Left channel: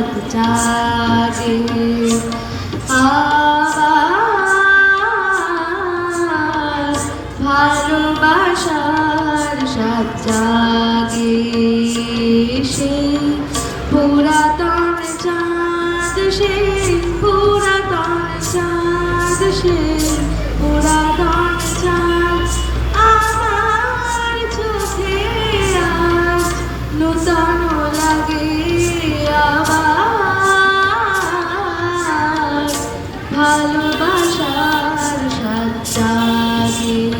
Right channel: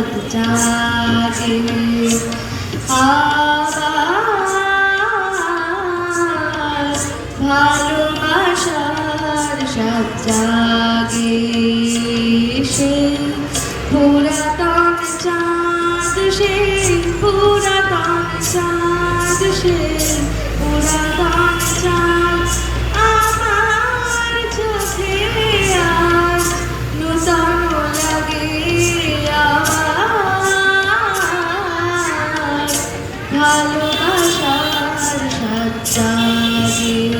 রাত জাগে আবার ভালোবাসার সাত জাগে সে পুরাতন চাঁদ সে পুরাতন চাঁদ সে পুরাতন চাঁদ আমার চোখে আজ ভালোবাসার সাথে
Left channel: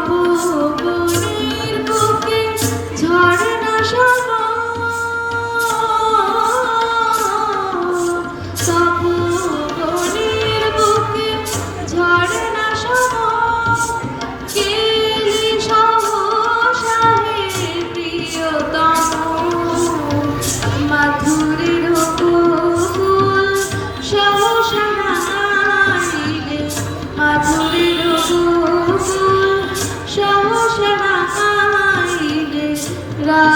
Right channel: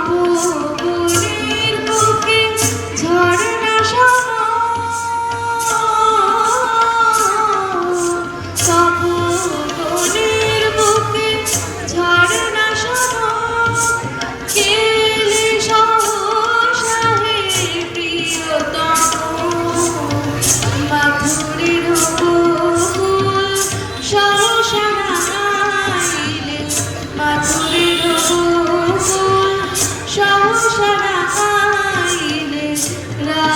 প্রভু